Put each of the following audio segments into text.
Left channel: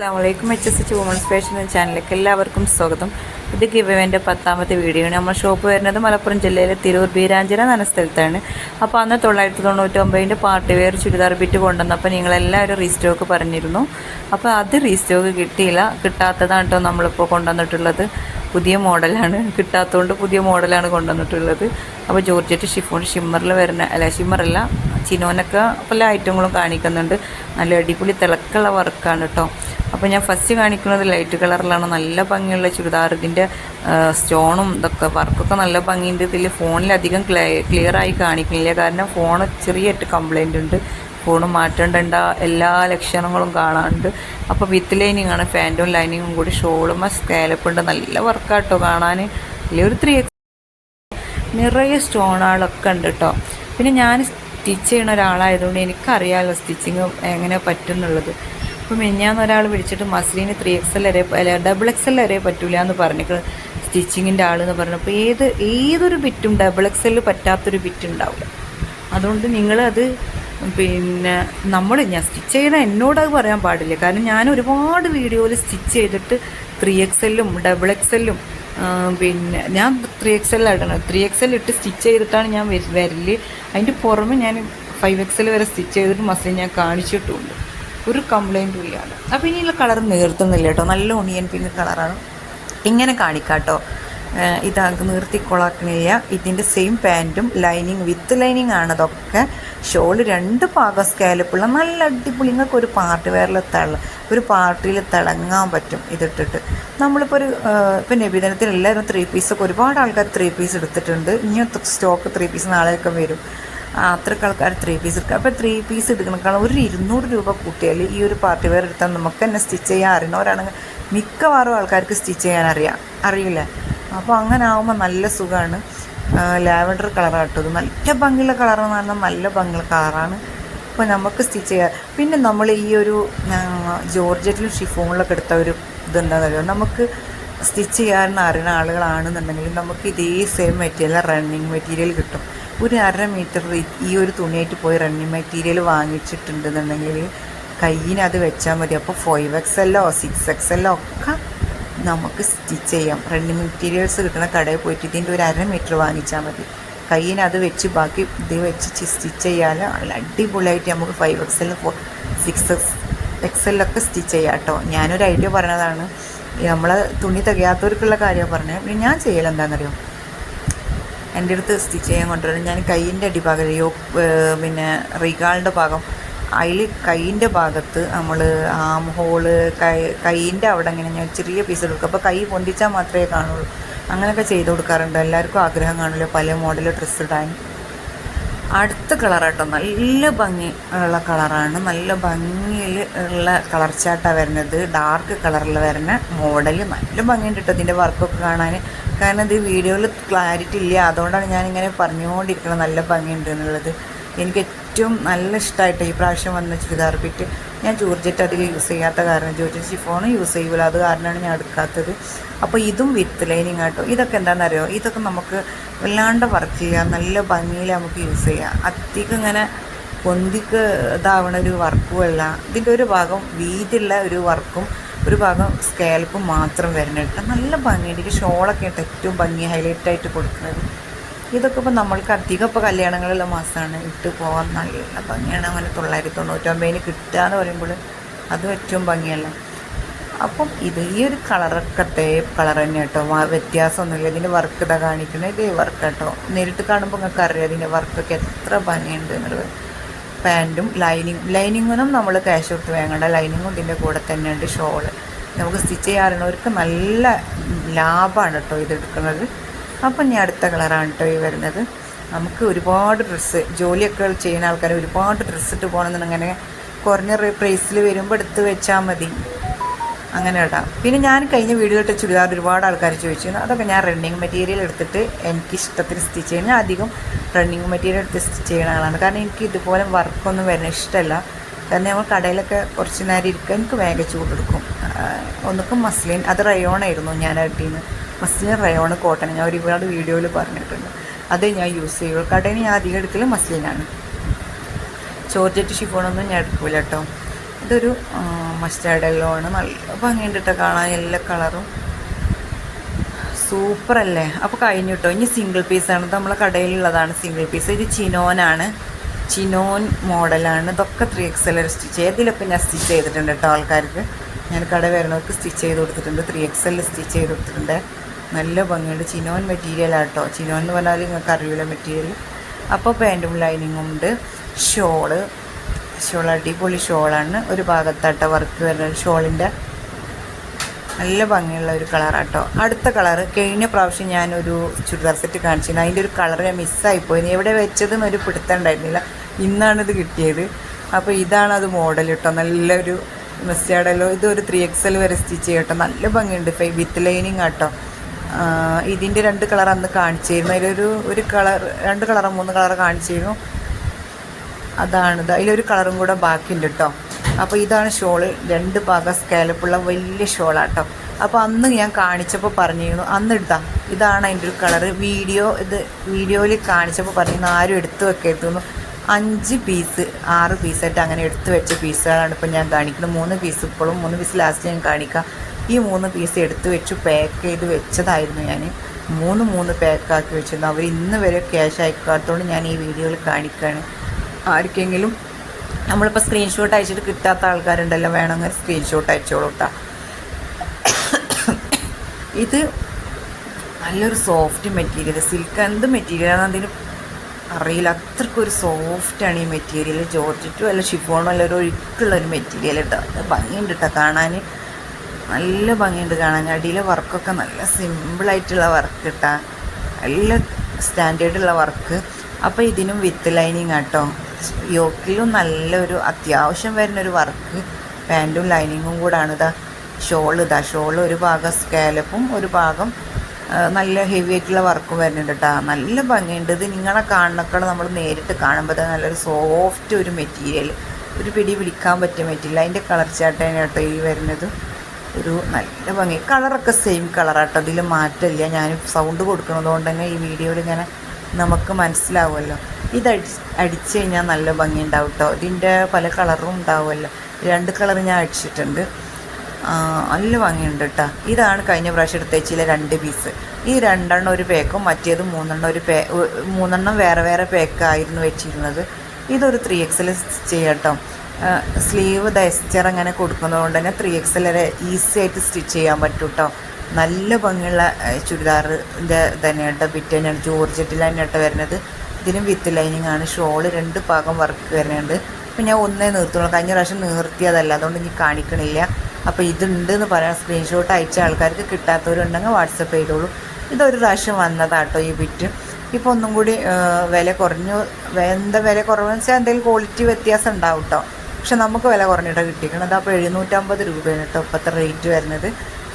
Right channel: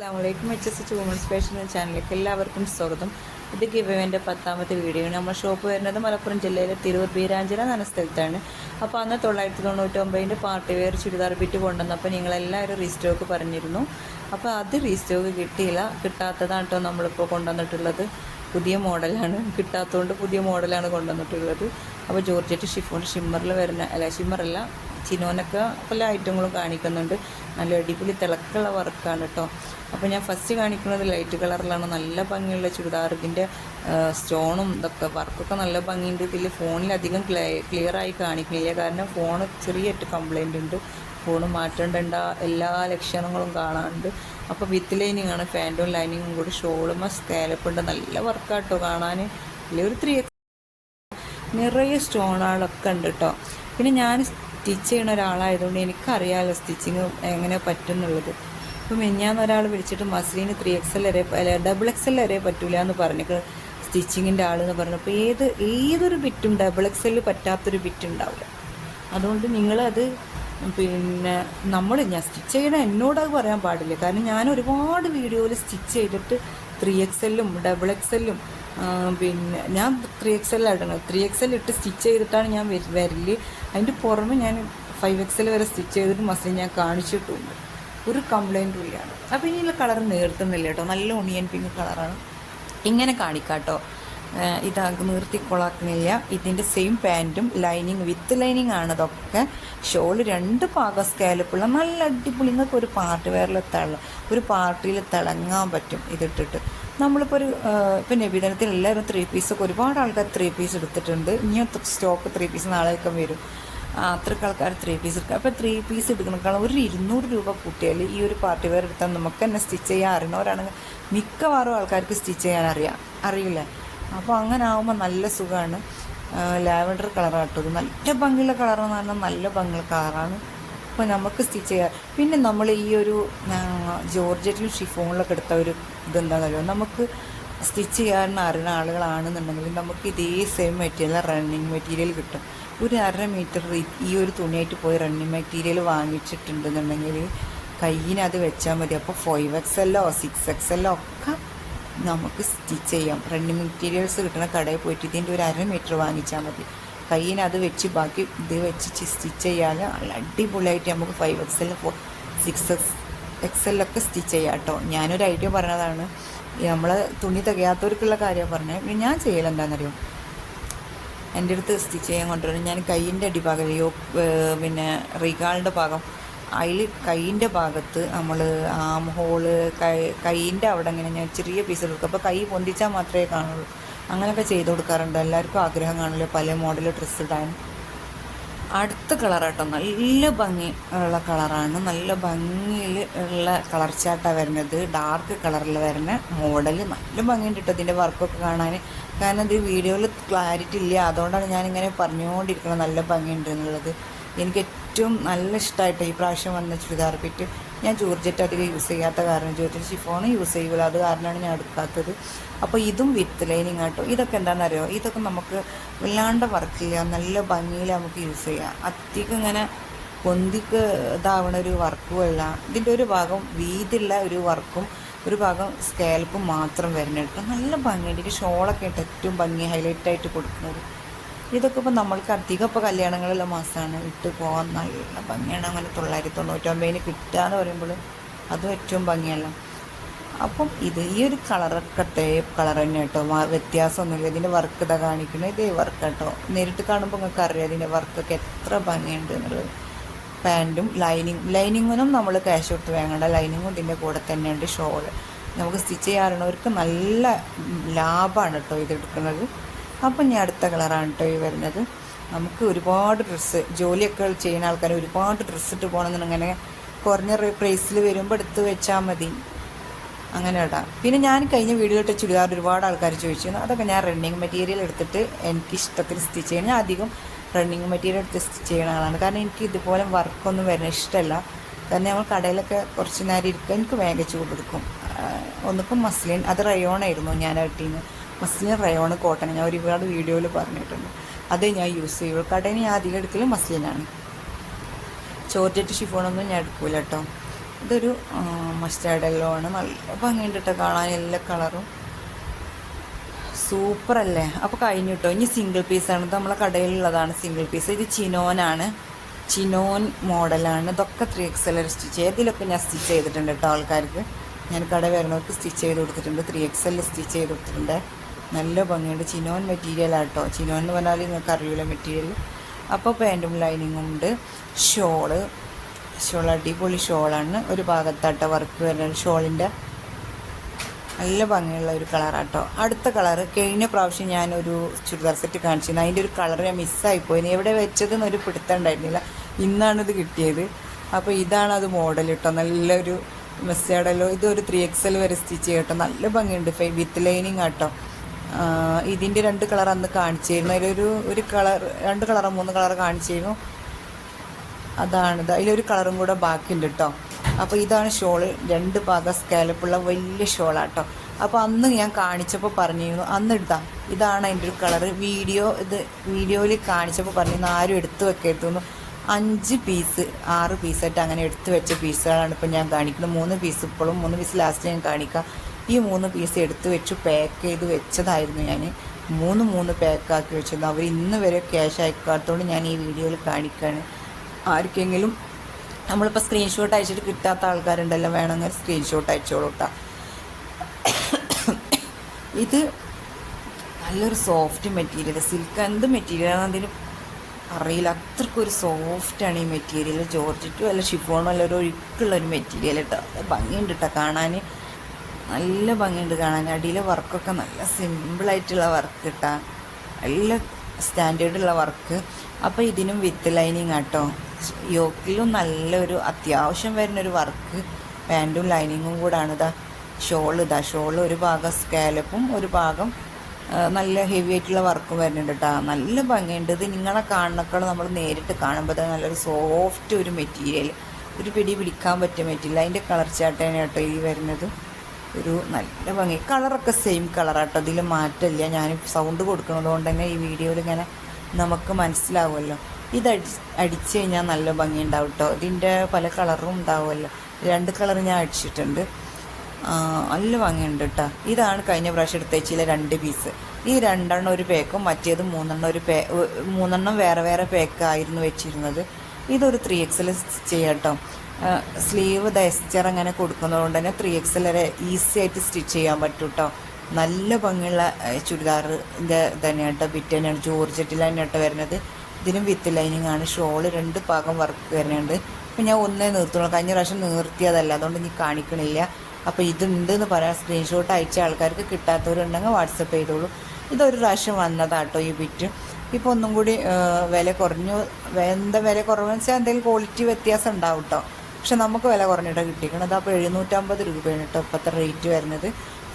അസ്സാമലൈക്കും H S women's fashion ചാനലിലേക്ക് എല്ലാവർക്കും സ്വാഗതം. ഇത് ഗിവന്റെ പത്താമത്തെ വീഡിയോ ആണ്. നമ്മൾ ഷോപ്പ് വരുന്നത് മലപ്പുറം ജില്ലയിലെ തിരൂർ ബീരാഞ്ചിറ എന്ന സ്ഥലത്താണ്. അപ്പോൾ അന്ന് തൊള്ളായിരത്തി തൊണ്ണൂറ്റൊമ്പതിന്റെ പാർട്ടി വെയർ ചുരിദാർ ബിറ്റ് കൊണ്ടുവന്നപ്പോൾ നിങ്ങളെല്ലാവരും റീസ്റ്റോക്ക് പറഞ്ഞിരുന്നു. അപ്പോൾ അത് റീസ്റ്റോക്ക് കിട്ടിയില്ല. കിട്ടാത്തതാണ് കേട്ടോ നമ്മളിപ്പോൾ കൊണ്ടുവന്നിട്ടുള്ളത്. പുതിയ മോഡലാണ്. കിട്ടാത്തതുകൊണ്ട് പുതിയ മോഡലാണ് കൊണ്ടുവന്നിട്ടുള്ളത്. അപ്പോൾ ജോർജറ്റ് ഷിഫോൺ ഷിമ്മറിൽ വരുന്ന അല്ല ഷിമ്മറല്ല ചിനോനൊക്കെ പല ഐറ്റങ്ങളും കാണിക്കുന്നുണ്ട്. നല്ല അടിപൊളി തിളക്കുള്ള വർക്കാണ് കേട്ടോ അപ്പോൾ ഞാൻ ഫസ്റ്റ് കാണിക്കുന്നത് ലൈറ്റ് കളറിലാണ്. നല്ല ഭംഗിയുള്ള ചുരിദാർ. ഇതിന്റെ സ്റ്റോണും ഇതൊക്കെ വർക്കൊക്കെ നല്ല ഭംഗിയുണ്ട്. ഇതിൽ ഫോണിൽ അധികം ക്ലിയർ ആയി കാണിക്കുന്നില്ല. കാരണം ഫോൺ ചെറിയൊരു കംപ്ലൈന്റ് ഉണ്ട്. ഫോൺ മാറ്റേണ്ട എല്ലാ ലക്ഷണങ്ങളും കാണാണ്ട്. അപ്പോൾ വിത്ത് ലൈനിങ് ആണ് ഫാന്റും ലൈനിങ്ങും കൂടി ഷോളും സ്കാലപ്പ് ഉണ്ട്. നല്ല വർക്കാട്ടോ കാണാൻ വലിയൊരു ത്രീ നിറയെ സ്റ്റോണുകളൊക്കെ ഉണ്ട് കേട്ടോ പിന്നെ ഞാൻ സ്റ്റിച്ച് ചെയ്യുന്ന ഒരാളായതുകൊണ്ട് എനിക്കറിയാമല്ലോ സ്റ്റിച്ചിങ് എങ്ങനെ പറ്റും എന്നുള്ളത് അപ്പോൾ മെഞ്ഞാന്ന് ഒരാൾ വിളിച്ചിട്ട് മസ്ലിന് ത്രീ എക്സ് എൽ വരെ അല്ല ഡബിൾ എക്സ് എൽ വരെ പറ്റൂല എന്ന് പറഞ്ഞിട്ട് സ്റ്റിച്ചിങ്ങിന്റെ ആളെന്ന് പറഞ്ഞപ്പോൾ ഏത് ഏതൊരു ബിറ്റും ഡബിൾ എക്സ് എൽ പറ്റാത്തൊരു ബിറ്റ് ഉണ്ടാവില്ല അതുകൊണ്ട് നിങ്ങളത് പിന്നെ നമ്മൾ ഞാൻ സ്റ്റിച്ച് ചെയ്യുന്ന എന്നോട് അത് പറയാൻ പാടില്ല. കാരണം ഞാൻ ഒരുപാട് വീഡിയോയിൽ സ്റ്റിച്ച് ചെയ്തിട്ട് ത്രീ എക്സെല്ലും ഡബിൾ എക്സെല്ലും പിന്നെ ഞാൻ ത്രീ എക്സ് എൽ ഇടണം ത്രീ എക്സെൽ ഇട്ട് സ്റ്റിച്ച് ചെയ്തിട്ടാണ് ഞാൻ വര- വരൽ. അതിന്റെ പുറമെ ഞാൻ ഫൈവ് എക്സൽ വരെ സ്റ്റിച്ച് ചെയ്തിട്ട് മസിൽ ഞാൻ കാണിച്ചിട്ടുണ്ട്. ഒരു കംപ്ലൈന്റും ഇല്ല അപ്പോൾ ഇനിയുള്ള കളർ നേർത്തുന്നില്ല കേട്ടോ. നല്ല ഒണിയൻ പിങ്ക് കളറാണ് ഇങ്ങനെ കാണിക്കാട്ടോ. ഇതാ നിർത്തിക്കൊളാക്കണില്ല ഇതിന്റെ സെയിം പാന്റും ലൈനിങ് വിത്ത് ലൈനിങ് ആണ് അതൊക്കെ ഷോൾ രണ്ട് ഭാഗം സ്കാലപ്പുള്ള നല്ല അടിപൊളി. നിങ്ങൾക്ക് ഒരു പാർട്ടി വെയറിൽ തള ഒരു പാർട്ടിയിൽ തിളങ്ങാൻ പറ്റും ഇതിട്ടിട്ട്. നമ്മളിപ്പോൾ ഒരു ഇപ്പം നിബിധനത്തിൽ എല്ലാവരും ത്രീ പീസൊക്കെ ഒരുപാട് ആൾക്കാർ ത്രീ പീസ് എടുത്തിട്ടുണ്ട്. ഇനി സ്റ്റോക്ക് ത്രീ പീസ് നാളെയൊക്കെ വരും. അത്രയ്ക്ക് ആൾക്കാർ ത്രീ പീസ് എടുക്കുക അപ്പോൾ ത്രീ പീസ് എടുക്കണേക്കാളും ഒരു ഇരുന്നൂറ് രൂപ കൂട്ടിയാൽ ഈ ഒരു പാർട്ടി വെയർ എടുത്താൽ നമുക്ക് തന്നെ സ്റ്റിച്ച് ചെയ്യാൻ അറിയണവരാണെങ്കിൽ മിക്കവാറും ആൾക്കാർക്ക് സ്റ്റിച്ച് ചെയ്യാൻ അറിയാം. അറിയില്ല. അപ്പോൾ അങ്ങനെ ആകുമ്പോൾ നല്ല സുഖമാണ് ലാവൻഡർ കളറാണ് ഇത് നല്ല ഭംഗിയുള്ള കളറെന്ന് പറഞ്ഞാൽ നല്ല ഭംഗിയുള്ള കളറാണ്. അപ്പോൾ നമുക്ക് സ്റ്റിച്ച് ചെയ്യാം. പിന്നെ നമ്മൾ ഈ ഒരു ജോർജറ്റിലും ഷിഫോണിലൊക്കെ എടുത്ത ഒരു ഇതുണ്ടെന്നല്ലോ നമുക്ക് സ്റ്റിച്ച് ചെയ്യാൻ അറിയുന്ന ആളുകളാണെന്നുണ്ടെങ്കിൽ നമുക്ക് ഇതേ സെയിം മെറ്റീരിയൽ റണ്ണിങ് മെറ്റീരിയൽ കിട്ടും. ഒരു അര മീറ്റർ ഈ ഒരു തുണിയായിട്ട് പോയി റണ്ണിങ് മെറ്റീരിയൽ വാങ്ങിച്ചിട്ടുണ്ടെന്നുണ്ടെങ്കിൽ കയ്യിനത് വെച്ചാൽ മതി. അപ്പോൾ ഫൈവ് എക്സ് എല്ലോ സിക്സ് എക്സ് എല്ലോ ഒക്കെ നമുക്ക് സ്റ്റിച്ച് ചെയ്യാം. റണ്ണിങ് മെറ്റീരിയൽസ് കിട്ടുന്ന കടയിൽ പോയിട്ട് ഇതിന്റെ ഒരു അര മീറ്റർ വാങ്ങിച്ചാൽ മതി. കയ്യിൽ അത് വെച്ച് ബാക്കി ഇത് വെച്ച് സ്റ്റിച്ച് ചെയ്യാൻ അടിപൊളിയായിട്ട് നമുക്ക് five X L six X എല്ലൊക്കെ stitch ചെയ്യാം കേട്ടോ. ഞാനൊരു ഐഡിയ പറഞ്ഞതാണ്. നമ്മളെ തുണി തികയാത്തവർക്കുള്ള കാര്യമാണ് പറഞ്ഞത്. പിന്നെ ഞാൻ ചെയ്യൽ എന്താണെന്നറിയോ? എന്റെ അടുത്ത് സ്റ്റിച്ച് ചെയ്യാൻ കൊണ്ടുവരും ഞാൻ കൈയിന്റെ അടിഭാഗം യോ പിന്നെ റിഗാളിന്റെ ഭാഗം അതിൽ കൈയിന്റെ ഭാഗത്ത് നമ്മൾ ആം ഹോൾ കൈ കൈയിന്റെ അവിടെ ഇങ്ങനെ ഞാൻ ചെറിയ പീസ് എടുക്കും. അപ്പോൾ കൈ പൊന്തിച്ചാൽ മാത്രമേ കാണുള്ളൂ. അങ്ങനെയൊക്കെ ചെയ്ത് കൊടുക്കാറുണ്ട്. എല്ലാവർക്കും ആഗ്രഹം കാണില്ല പല മോഡൽ ഡ്രസ്സ് ഇടാൻ. അടുത്ത കളറാട്ടോ നല്ല ഭംഗി ഉള്ള കളറാണ് നല്ല ഭംഗിയിൽ ഉള്ള കളർ ചാട്ടാണ് വരുന്നത്. ഡാർക്ക് കളറിൽ വരുന്ന മോഡൽ നല്ല ഭംഗിയുണ്ട് കേട്ടോ ഇതിന്റെ വർക്കൊക്കെ കാണാൻ. കാരണം ഇത് വീഡിയോയിൽ ക്ലാരിറ്റി ഇല്ല. അതുകൊണ്ടാണ് ഞാനിങ്ങനെ പറഞ്ഞുകൊണ്ടിരിക്കുന്നത്. നല്ല ഭംഗിയുണ്ട് എന്നുള്ളത്. എനിക്ക് ഏറ്റവും നല്ല ഇഷ്ടമായിട്ട് ഈ പ്രാവശ്യം വന്ന ചുരിദാർ ബിറ്റ് ഞാൻ ജോർജറ്റ് അധികം യൂസ് ചെയ്യാത്ത കാരണം ജോർജറ്റ് ഷിഫോൺ യൂസ് ചെയ്യൂല. അത് കാരണമാണ് ഞാൻ എടുക്കാത്തത്. അപ്പോൾ ഇതും വിത്ത് ലൈനിങ് ആട്ടോ. ഇതൊക്കെ എന്താണെന്നറിയോ? ഇതൊക്കെ നമുക്ക് വല്ലാണ്ട് വർക്ക് ചെയ്യാം. നല്ല ഭംഗിയിൽ നമുക്ക് യൂസ് ചെയ്യാം. അധികം ഇങ്ങനെ പൊന്തിക്ക് ഇതാവണ ഒരു വർക്കുമല്ല ഇതിന്റെ ഒരു ഭാഗം വീതിയുള്ള ഒരു വർക്കും ഒരു ഭാഗം സ്കാൽപ്പും മാത്രം വരുന്നുണ്ട് നല്ല ഭംഗിയുണ്ട്. എനിക്ക് ഷോളൊക്കെ ആയിട്ട് ഏറ്റവും ഭംഗി ഹൈലൈറ്റ് ആയിട്ട് കൊടുക്കുന്നത്. ഇതൊക്കെ ഇപ്പോൾ നമ്മൾക്ക് അധികം ഇപ്പോൾ കല്യാണങ്ങളുള്ള മാസമാണ്. ഇട്ട് പോകാൻ നല്ല ഭംഗിയാണ്. അങ്ങനെ തൊള്ളായിരത്തി തൊണ്ണൂറ്റൊമ്പതിന് കിട്ടുക എന്ന് പറയുമ്പോൾ അതും ഏറ്റവും ഭംഗിയല്ല. അപ്പം ഇത് ഈ ഒരു കളറൊക്കെ തേ കളർ തന്നെ കേട്ടോ വ്യത്യാസമൊന്നുമില്ല. ഇതിന്റെ വർക്ക് ഇതാ കാണിക്കുന്നത് ഇതേ വർക്ക് കേട്ടോ നേരിട്ട് കാണുമ്പോൾ നിങ്ങൾക്ക് അറിയാം ഇതിന്റെ വർക്കൊക്കെ എത്ര ഭംഗിയുണ്ട് എന്നുള്ളത്. പാന്റും ലൈനിങ് ലൈനിങ്ങിനും നമ്മൾ ക്യാഷ് കൊടുത്ത് വാങ്ങേണ്ട. ലൈനിങ്ങും ഇതിന്റെ കൂടെ തന്നെയുണ്ട്. ഷോൾ. നമുക്ക് സ്റ്റിച്ച് ചെയ്യാറുള്ളവർക്ക് നല്ല ലാഭമാണ് കേട്ടോ ഇത് എടുക്കുന്നത്. അപ്പം ഇനി അടുത്ത കളറാണ് കേട്ടോ ഈ വരുന്നത്. നമുക്ക് ഒരുപാട് ഡ്രസ്സ് ജോലിയൊക്കെ ചെയ്യുന്ന ആൾക്കാർ ഒരുപാട് ഡ്രസ്സ് ഇട്ട് പോകണമെന്ന് അങ്ങനെ കുറഞ്ഞ പ്രൈസിൽ വരുമ്പോൾ എടുത്ത് വെച്ചാൽ മതി. അങ്ങനെ ഇടാം പിന്നെ ഞാൻ കഴിഞ്ഞ വീഡിയോ ഇട്ട ചുരിദാർ ഒരുപാട് ആൾക്കാർ ചോദിച്ചു. അതൊക്കെ ഞാൻ റണ്ണിങ് മെറ്റീരിയൽ എടുത്തിട്ട് എനിക്ക് ഇഷ്ടത്തിന് സ്റ്റിച്ച് ചെയ്യുന്ന അധികം റണ്ണിങ് മെറ്റീരിയൽ എടുത്ത് സ്റ്റിച്ച് ചെയ്യുന്ന ആളാണ്. കാരണം എനിക്ക് ഇതുപോലെ വർക്കൊന്നും വരുന്ന ഇഷ്ടമല്ല കാരണം നമ്മൾ കടയിലൊക്കെ കുറച്ച് നേരം ഇരിക്കുക എനിക്ക് വേഗം ചൂടെടുക്കും. ഒന്നുക്കും മസ്ലിൻ അത് റയോണായിരുന്നു ഞാൻ ഇട്ടിന്ന് മസ്ലിൻ റയോൺ കോട്ടൺ ഞാൻ ഒരുപാട് വീഡിയോയിൽ പറഞ്ഞിട്ടുണ്ട്. അത് ഞാൻ യൂസ് ചെയ്യുള്ളൂ. കടയിൽ ഞാൻ അധികം എടുക്കൽ മസ്ലിനാണ്. ചോർജറ്റ് ഷിഫോണൊന്നും ഞാൻ എടുക്കില്ല കേട്ടോ. ഇതൊരു മസ്റ്റാർഡ് എല്ലോ ആണ് നല്ല ഭംഗിയുണ്ട് കേട്ടോ കാണാൻ എല്ലാ കളറും സൂപ്പർ അല്ലേ? അപ്പോൾ കഴിഞ്ഞു കേട്ടോ ഇനി സിംഗിൾ പീസാണ് ഇത് നമ്മളെ കടയിലുള്ളതാണ് സിംഗിൾ പീസ് ഇത് ചിനോനാണ്. ചിനോൻ മോഡലാണ്. ഇതൊക്കെ ത്രീ എക്സ് എൽ സ്റ്റിച്ച് ഇതിലൊക്കെ ഞാൻ സ്റ്റിച്ച് ചെയ്തിട്ടുണ്ട് കേട്ടോ ആൾക്കാർക്ക്. ഞാൻ കട വരുന്നവർക്ക് സ്റ്റിച്ച് ചെയ്ത് കൊടുത്തിട്ടുണ്ട്. ത്രീ എക്സ് എൽ സ്റ്റിച്ച് ചെയ്ത് കൊടുത്തിട്ടുണ്ട്. നല്ല ഭംഗിയുണ്ട്. ചിനോൻ മെറ്റീരിയലാണ് കേട്ടോ ചിനോൻ എന്ന് പറഞ്ഞാൽ നിങ്ങൾക്ക് അറിയുള്ള മെറ്റീരിയൽ അപ്പോൾ പാന്റും ലൈനിങ്ങും ഉണ്ട്. ഷോൾ. ഷോൾ അടിപൊളി ഷോളാണ്. ഒരു ഭാഗത്താട്ടോ വർക്ക് വരുന്ന ഷോളിന്റെ നല്ല ഭംഗിയുള്ള ഒരു കളറാട്ടോ അടുത്ത കളറ് കഴിഞ്ഞ പ്രാവശ്യം ഞാനൊരു ചുരിദാർ സെറ്റ് കാണിച്ചിരുന്നു. അതിന്റെ ഒരു കളർ ഞാൻ മിസ്സായിപ്പോയി എവിടെ വെച്ചതെന്ന് ഒരു പിടുത്തം ഉണ്ടായിരുന്നില്ല. ഇന്നാണ് ഇത് കിട്ടിയത്. അപ്പോൾ ഇതാണ് അത് മോഡൽ കേട്ടോ നല്ലൊരു മെസ്സാഡല്ലോ ഇതൊരു ത്രീ എക്സൽ വരെ സ്റ്റിച്ച് ചെയ്യട്ടോ. നല്ല ഭംഗിയുണ്ട്. ഫൈ വിത്ത് ലൈനിങ് ആട്ടോ. ഇതിന്റെ രണ്ട് കളർ അന്ന് കാണിച്ചിരുന്നു. അതിലൊരു ഒരു കളർ രണ്ട് കളർ മൂന്ന് കളർ കാണിച്ചിരുന്നു. അതാണ് അതിലൊരു കളറും കൂടെ ബാക്കിയുണ്ട് കേട്ടോ അപ്പോൾ ഇതാണ് ഷോൾ. രണ്ട് ഭാഗം സ്കാലപ്പുള്ള വലിയ ഷോളാട്ടോ. അപ്പോൾ അന്ന് ഞാൻ കാണിച്ചപ്പോൾ പറഞ്ഞിരുന്നു. അന്ന് എടുത്താൽ ഇതാണ് അതിന്റെ ഒരു കളറ്. വീഡിയോ ഇത് വീഡിയോയിൽ കാണിച്ചപ്പോൾ പറഞ്ഞിരുന്നു. ആരും എടുത്തു വെക്കരുതെന്നു. അഞ്ച് പീസ് ആറ് പീസായിട്ട് അങ്ങനെ എടുത്തു വെച്ച പീസുകളാണ് ഇപ്പോൾ ഞാൻ കാണിക്കുന്നത്. മൂന്ന് പീസ് ഇപ്പോഴും മൂന്ന് പീസ് ലാസ്റ്റ് ഞാൻ കാണിക്കാം. ഈ മൂന്ന് പീസ് എടുത്തു വെച്ച് പാക്ക് ചെയ്ത് വെച്ചതായിരുന്നു ഞാൻ മൂന്ന് മൂന്ന് പാക്കാക്കി വെച്ചിരുന്നു. അവർ ഇന്ന് വരെ ക്യാഷ് അയക്കാത്തതുകൊണ്ട് ഞാൻ ഈ വീഡിയോയിൽ കാണിക്കുകയാണ് ആർക്കെങ്കിലും നമ്മളിപ്പോൾ സ്ക്രീൻഷോട്ട് അയച്ചിട്ട് കിട്ടാത്ത ആൾക്കാരുണ്ടല്ലോ വേണമെങ്കിൽ സ്ക്രീൻഷോട്ട് അയച്ചോളൂ കേട്ടോ ഇത് നല്ലൊരു സോഫ്റ്റ് മെറ്റീരിയൽ സിൽക്ക് എന്ത് മെറ്റീരിയലാണ് അതിന് അറിയില്ല. അത്രയ്ക്കൊരു സോഫ്റ്റാണ് ഈ മെറ്റീരിയൽ ജോർജറ്റും അല്ല ഷിഫോണും അല്ല ഒരു ഒഴുക്കുള്ള ഒരു മെറ്റീരിയൽ കേട്ടോ ഭംഗിയുണ്ട് കേട്ടോ കാണാൻ നല്ല ഭംഗിയുണ്ട് കാണാൻ. അടിയിലെ വർക്കൊക്കെ നല്ല സിമ്പിളായിട്ടുള്ള വർക്ക് കേട്ടോ നല്ല സ്റ്റാൻഡേർഡുള്ള വർക്ക് അപ്പോൾ ഇതിനും വിത്ത് ലൈനിങ് ആട്ടോ. യോക്കിലും നല്ലൊരു അത്യാവശ്യം വരുന്നൊരു വർക്ക് പാന്റും ലൈനിങ്ങും കൂടാണ് ഇതാ ഷോൾ ഇതാ. ഷോൾ ഒരു ഭാഗം സ്കാലപ്പും ഒരു ഭാഗം നല്ല ഹെവി ആയിട്ടുള്ള വർക്കും വരുന്നുണ്ട് കേട്ടോ നല്ല ഭംഗിയുണ്ട്. ഇത് നിങ്ങളെ കാണുന്നൊക്കെ നമ്മൾ നേരിട്ട് കാണുമ്പോൾ തന്നെ നല്ലൊരു സോഫ്റ്റ് ഒരു മെറ്റീരിയൽ ഒരു പിടി പിടിക്കാൻ പറ്റിയ മെറ്റീരിയൽ അതിന്റെ കളർ ചാട്ടാണ് കേട്ടോ ഈ വരുന്നത്. ഒരു നല്ല ഭംഗി. കളറൊക്കെ സെയിം കളറാട്ടോ അതിൽ മാറ്റമില്ല. ഞാൻ സൗണ്ട് കൊടുക്കുന്നതുകൊണ്ട് തന്നെ ഈ വീഡിയോയിൽ ഇങ്ങനെ നമുക്ക് മനസ്സിലാവുമല്ലോ. ഇത് അടി അടിച്ചു കഴിഞ്ഞാൽ നല്ല ഭംഗി ഉണ്ടാവും കേട്ടോ ഇതിന്റെ പല കളറും ഉണ്ടാവുമല്ലോ. രണ്ട് കളർ ഞാൻ അടിച്ചിട്ടുണ്ട്. നല്ല ഭംഗിയുണ്ട് കേട്ടോ ഇതാണ് കഴിഞ്ഞ പ്രാവശ്യം എടുത്തേച്ചിലെ രണ്ട് പീസ് ഈ രണ്ടെണ്ണം ഒരു പേക്കും മറ്റേത് മൂന്നെണ്ണം ഒരു പേ മൂന്നെണ്ണം വേറെ വേറെ പേക്കായിരുന്നു വെച്ചിരുന്നത്. ഇതൊരു ത്രീ എക്സിൽ ചെയ്യാം കേട്ടോ സ്ലീവ് ദസ്റ്റർ അങ്ങനെ കൊടുക്കുന്നതുകൊണ്ട് തന്നെ ത്രീ എക്സ് വരെ ഈസി ആയിട്ട് സ്റ്റിച്ച് ചെയ്യാൻ പറ്റും കേട്ടോ നല്ല ഭംഗിയുള്ള ചുരിദാറിന്റെ തന്നെയാണ് കേട്ടോ ബിറ്റ് തന്നെയാണ് ജോർജറ്റിൽ തന്നെ കേട്ടോ വരുന്നത്. ഇതിനും വിത്ത് ലൈനിങ് ആണ് ഷോൾ രണ്ട് ഭാഗം വർക്ക് വരുന്നുണ്ട്. അപ്പം ഞാൻ ഒന്നേ നിർത്തുള്ളൂ. കഴിഞ്ഞ പ്രാവശ്യം നിർത്തിയതല്ല അതുകൊണ്ട് ഇനി കാണിക്കണില്ല. അപ്പോൾ ഇതുണ്ട് എന്ന് പറയാൻ സ്ക്രീൻഷോട്ട് അയച്ച ആൾക്കാർക്ക് കിട്ടാത്തവരുണ്ടെങ്കിൽ വാട്സപ്പ് ചെയ്തോളൂ. ഇതൊരു പ്രാവശ്യം വന്നതാട്ടോ ഈ ബിറ്റ് ഇപ്പോൾ ഒന്നും കൂടി വില കുറഞ്ഞു എന്താ വില കുറവെന്ന് വെച്ചാൽ എന്തെങ്കിലും ക്വാളിറ്റി വ്യത്യാസം ഉണ്ടാവും കേട്ടോ പക്ഷെ നമുക്ക് വില കുറഞ്ഞിട്ടാണ് കിട്ടിയിരിക്കുന്നത് അപ്പോൾ എഴുന്നൂറ്റമ്പത് രൂപയാണ് കേട്ടോ ഇപ്പോഴത്തെ റേറ്റ് വരുന്നത്.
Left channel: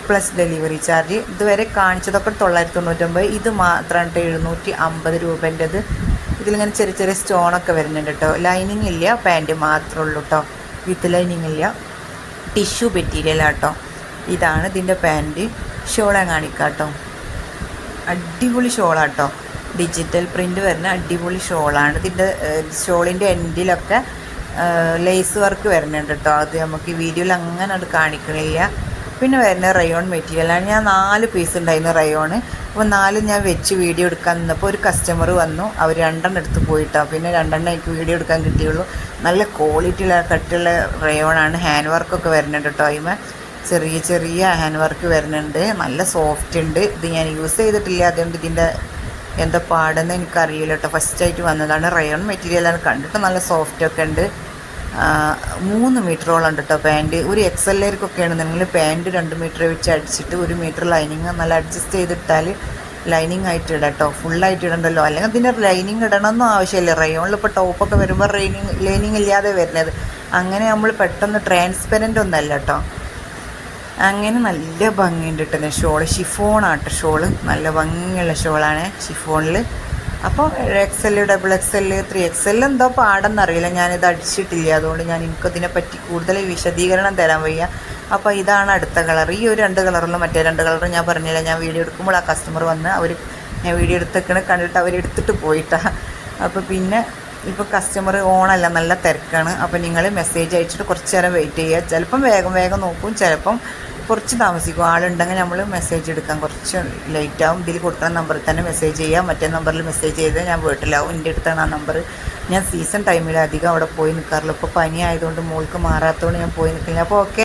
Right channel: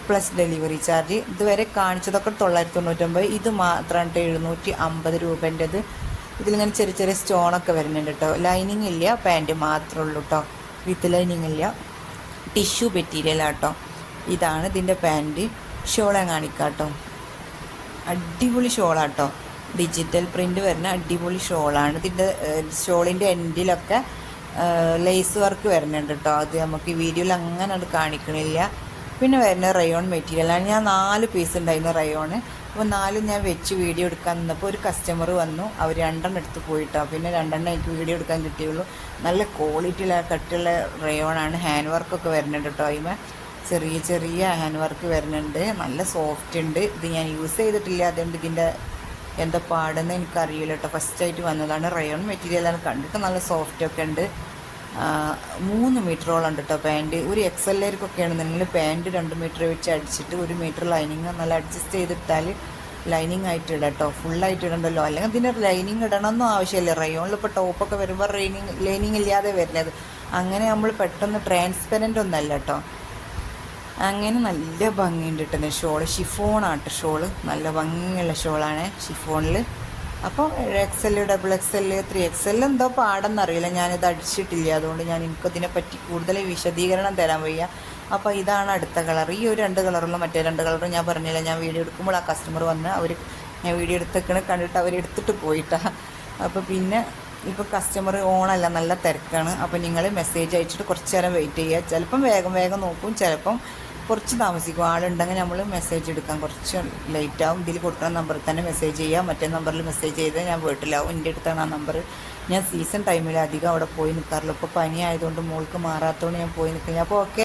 പ്ലസ് ഡെലിവറി ചാർജ് ഇതുവരെ കാണിച്ചതൊക്കെ തൊള്ളായിരത്തി തൊണ്ണൂറ്റൊമ്പത്. ഇത് മാത്രമാണ് എഴുന്നൂറ്റി അമ്പത് രൂപേന്റെത്. ഇതിലിങ്ങനെ ചെറിയ ചെറിയ സ്റ്റോണൊക്കെ വരുന്നുണ്ട് കേട്ടോ. ലൈനിങ് ഇല്ല പാന്റ് മാത്രമേ ഉള്ളൂ കേട്ടോ. വിത്ത് ലൈനിങ് ഇല്ല. ടിഷ്യൂ മെറ്റീരിയലാണ് കേട്ടോ. ഇതാണ് ഇതിന്റെ പാന്റ് ഷോളെ കാണിക്കാം കേട്ടോ. അടിപൊളി ഷോളാട്ടോ ഡിജിറ്റൽ പ്രിന്റ് വരുന്ന അടിപൊളി ഷോളാണ്. ഇതിന്റെ ഷോളിന്റെ എൻഡിലൊക്കെ ലേസ് വർക്ക് വരുന്നുണ്ട് കേട്ടോ അത് നമുക്ക് ഈ വീഡിയോയിൽ അങ്ങനെ അത് കാണിക്കണില്ല പിന്നെ വരുന്ന റയോൺ മെറ്റീരിയലാണ് ഞാൻ നാല് പീസ് ഉണ്ടായിരുന്നു റയോണ് അപ്പോൾ നാല് ഞാൻ വെച്ച് വീഡിയോ എടുക്കാൻ നിന്നപ്പോൾ ഒരു കസ്റ്റമർ വന്നു. അവർ രണ്ടെണ്ണം എടുത്ത് പോയിട്ടോ. പിന്നെ രണ്ടെണ്ണം എനിക്ക് വീഡിയോ എടുക്കാൻ കിട്ടിയുള്ളൂ. നല്ല ക്വാളിറ്റിയുള്ള കട്ടുള്ള റയോണാണ് ഹാൻഡ് വർക്കൊക്കെ വരുന്നുണ്ട് കേട്ടോ അതിമ ചെറിയ ചെറിയ ഹാൻഡ് വർക്ക് വരുന്നുണ്ട്. നല്ല സോഫ്റ്റ് ഉണ്ട്. ഇത് ഞാൻ യൂസ് ചെയ്തിട്ടില്ല. അതുകൊണ്ട് ഇതിന്റെ എന്താ പാടെന്ന് എനിക്കറിയില്ല കേട്ടോ ഫസ്റ്റായിട്ട് വന്നതാണ് റയോൺ മെറ്റീരിയലാണ് കണ്ടിട്ട് നല്ല സോഫ്റ്റ് ഒക്കെ ഉണ്ട്. മൂന്ന് മീറ്ററോളം ഉണ്ട് കേട്ടോ പാന്റ് ഒരു എക്സ് നിങ്ങൾ പാന്റ് രണ്ട് മീറ്റർ വെച്ച് അടിച്ചിട്ട് ഒരു മീറ്റർ ലൈനിങ് നല്ല അഡ്ജസ്റ്റ് ചെയ്തിട്ടാൽ ലൈനിങ് ആയിട്ട് ഇടാം കേട്ടോ ഫുള്ളായിട്ട് ഇടണ്ടല്ലോ. അല്ലെങ്കിൽ പിന്നെ ലൈനിങ് ഇടണമെന്നും ആവശ്യമില്ല. റയോണിൽ ഇപ്പോൾ ടോപ്പൊക്കെ വരുമ്പോൾ റൈനിങ് ലൈനിങ് ഇല്ലാതെ വരുന്നത്. അങ്ങനെ നമ്മൾ പെട്ടെന്ന് ട്രാൻസ്പെറന്റ് ഒന്നല്ല കേട്ടോ അങ്ങനെ നല്ല ഭംഗിയുണ്ട് കിട്ടുന്നത് ഷോൾ. ഷിഫോണാട്ടോ ഷോൾ. നല്ല ഭംഗിയുള്ള ഷോളാണ് ഷിഫോണിൽ അപ്പോൾ X L double X L three X L എന്തോ പാടെന്നറിയില്ല. ഞാനിത് അടിച്ചിട്ടില്ല. അതുകൊണ്ട് ഞാൻ എനിക്കതിനെ പറ്റി കൂടുതൽ വിശദീകരണം തരാൻ വയ്യ. അപ്പോൾ ഇതാണ് അടുത്ത കളർ. ഈ ഒരു രണ്ട് കളറിലും മറ്റേ രണ്ട് കളറും ഞാൻ പറഞ്ഞില്ല. ഞാൻ വീഡിയോ എടുക്കുമ്പോൾ ആ കസ്റ്റമർ വന്ന് അവർ ഞാൻ വീഡിയോ എടുത്തേക്കണ കണ്ടിട്ട് അവർ എടുത്തിട്ട് പോയിട്ടാ. അപ്പോൾ പിന്നെ ഇപ്പോൾ കസ്റ്റമർ ഓണല്ല നല്ല തിരക്കാണ്. അപ്പോൾ നിങ്ങൾ മെസ്സേജ് അയച്ചിട്ട് കുറച്ച് നേരം വെയിറ്റ് ചെയ്യുക. ചിലപ്പം വേഗം വേഗം നോക്കും. ചിലപ്പം കുറച്ച് താമസിക്കും. ആളുണ്ടെങ്കിൽ നമ്മൾ മെസ്സേജ് എടുക്കാം. കുറച്ച് ലേറ്റ് ആവും. ഇതിൽ കൊടുക്കുന്ന നമ്പറിൽ തന്നെ മെസ്സേജ് ചെയ്യാം. മറ്റേ നമ്പറിൽ മെസ്സേജ് ചെയ്താൽ ഞാൻ വീട്ടിലാവും. എന്റെ അടുത്താണ് ആ നമ്പർ ഞാൻ സീസൺ ടൈമിൽ അധികം അവിടെ പോയി നിൽക്കാറില്ല ഇപ്പോൾ പനി ആയതുകൊണ്ട് മോൾക്ക് മാറാത്തതുകൊണ്ട് ഞാൻ പോയി നിൽക്കില്ല അപ്പോൾ ഓക്കെ